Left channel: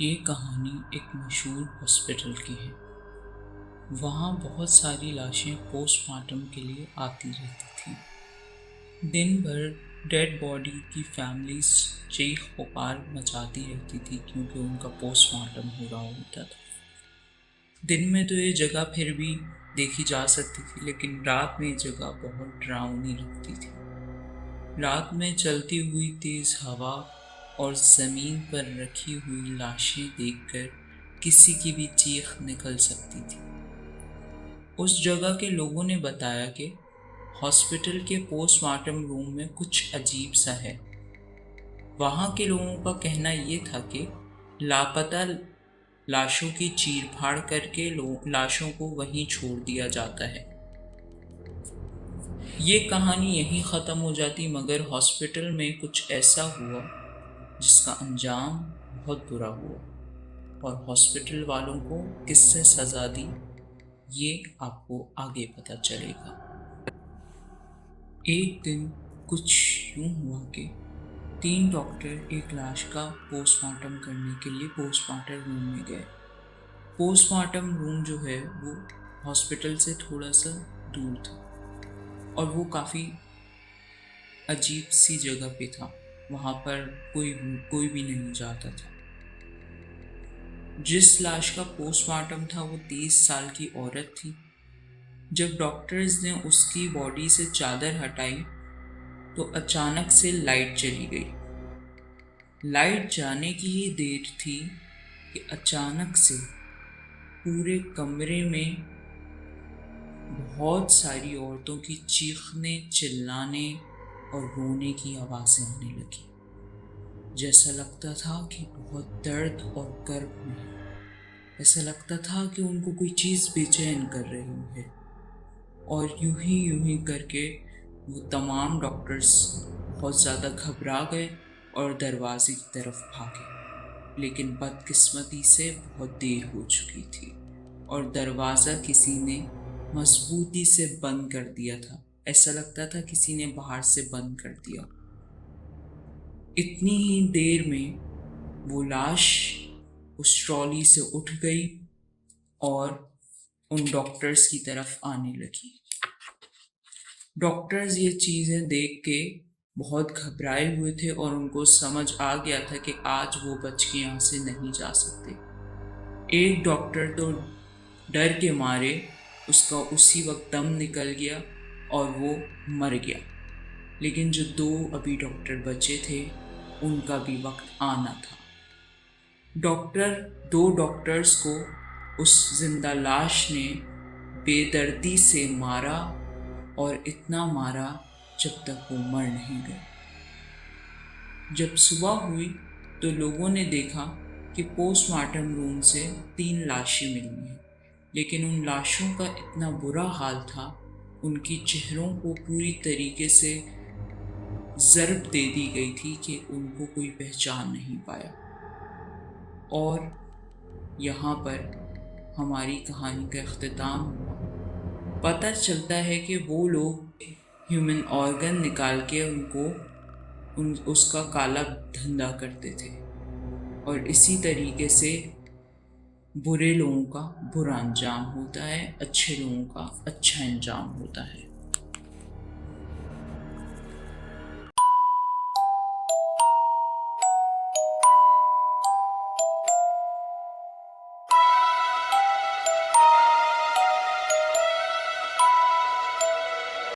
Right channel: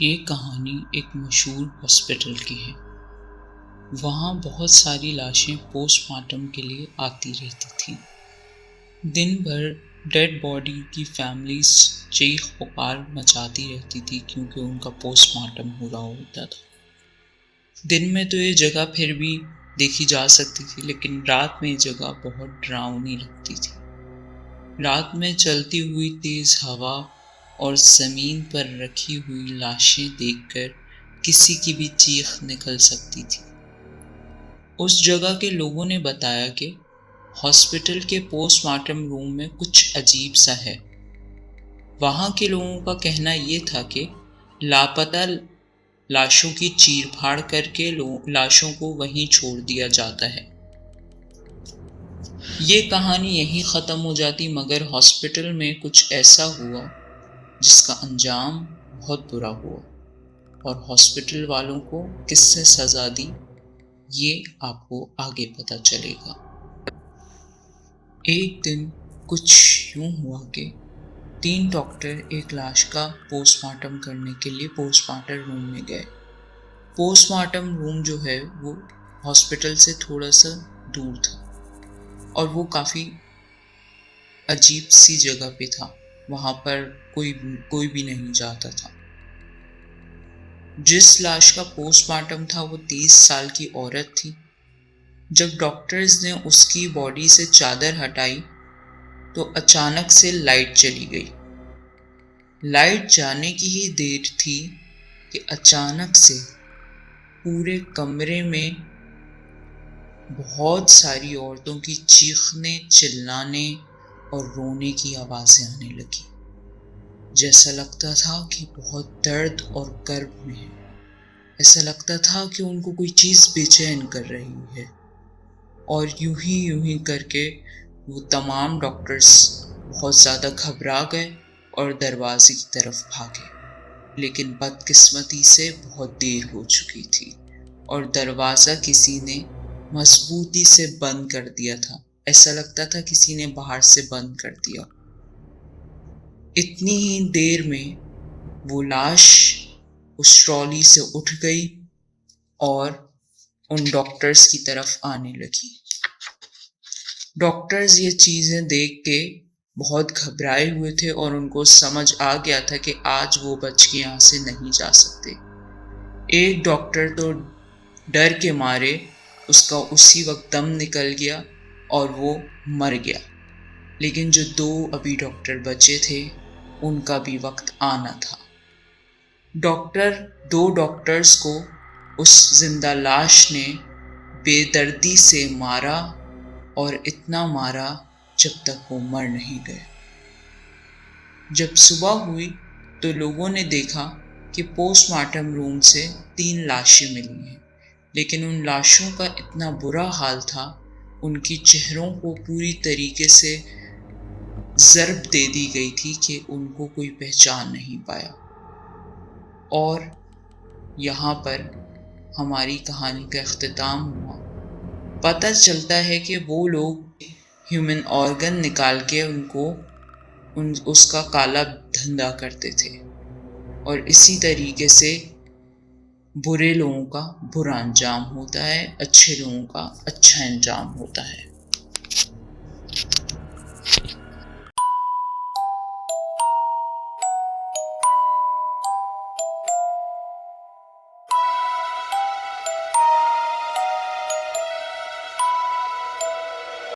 ये कहानी एक मशहूर हॉस्पिटल की है। वहाँ बहुत सारी लाशें पोस्टमार्टम के लिए आती रहती थीं। दिन भर डेड बॉडी की फैमिलीज चीख पुकार मचाती रहती थी क्योंकि उनका पोस्टमार्टम हो रहा होता था। दिन में तो ये जगह फिर भी देखी जा सकती थी, लेकिन रात में ये जगह बहुत डरावनी लगती थी। रात में चलती हुई तेज हवा और जमीन पर रखी हुई लाशें देखकर किसी की भी चीख निकल सकती थी। उस जगह के लोगों ने बताया कि हॉस्पिटल के पोस्टमार्टम रूम में कुछ अजीब सा है। वहां के लोगों का कहना यह था कि लापता लाशों की चीर फाड़ करके लाशों को वहीं छोड़ दिया जाता है। ये कहानी यहीं ख़त्म हो जाती, मगर हॉस्पिटल में कुछ ऐसा हुआ जिसका अंजाम बहुत बुरा हुआ और हॉस्पिटल वालों को किससे सज़ा दी ये आपको आगे पता चलेगा। एक दिन कुछ यूं हुआ कि 3 डॉक्टर एक लाश का पोस्टमार्टम करने के लिए पोस्टमार्टम रूम में गए। पोस्टमार्टम रूम जो है वो हॉस्पिटल से थोड़ा सा दूर था और वो काफ़ी अजीब सी जगह पे था। वहाँ पर कोई भी नहीं जाता था। जिस लाश का पोस्टमार्टम था वो 30 साल की औरत थी। जब डॉक्टर्स ने उसकी बॉडी से चादर हटाई तो अचानक से लाइट चली गई। लाइट जाने की ही देर थी कि अचानक से पूरे कमरे में बहुत सारी औरतों की चीखने, चिल्लाने और रोने की आवाज़ें आने लगी। जैसा लगता था कि बहुत दर्द और कर्ब में है। ऐसा लगता था कि उनको कोई चीज़ बेचैन कर रही है। और यूं ही करके वो तमाम डॉक्टर्स बहुत ज़्यादा घबरा गए और दरवाजे की तरफ भागे। लेकिन बदकिस्मती से बहुत देर हो चुकी थी और दरवाज़ा किसी ने मजबूती से बंद कर दिया था। ऐसा लगता था किसी ने बाहर से बंद कर दिया। इतनी ही देर में वो लाश उस ट्रॉली से उठ गई और उन डॉक्टर्स की तरफ आने लगी। डॉक्टर्स ये चीज़ें देख के बहुत घबराए हुए थे और उनको समझ आ गया था कि आज वो बच के यहाँ से नहीं जा सकते। एक डॉक्टर तो डर के मारे उसका उसी वक्त दम निकल गया और वो मर गया। लेकिन जो 2 अभी डॉक्टर बचे थे उनका भी वक्त आना था। 2 डॉक्टर्स को उस जिंदा लाश ने बेदर्दी से मारा और इतना मारा जब तक वो मर नहीं गए। जब सुबह हुई तो लोगों ने देखा कि पोस्टमार्टम रूम से 3 लाशें मिली हैं, लेकिन उन लाशों का इतना बुरा हाल था, उनकी चेहरों को पूरी तरीके से ज़र्ब दे दी गई थी कि उनको कोई पहचान नहीं पाया। और यहाँ पर हमारी कहानी का इख्तिताम हुआ। पता चलता है कि वो लोग ह्यूमन ऑर्गन निकाल के उसका काला धंधा करते थे और इसी तरीके से बुरे लोगों का बुरा अंजाम होता है, अच्छे लोगों का अच्छा अंजाम होता है।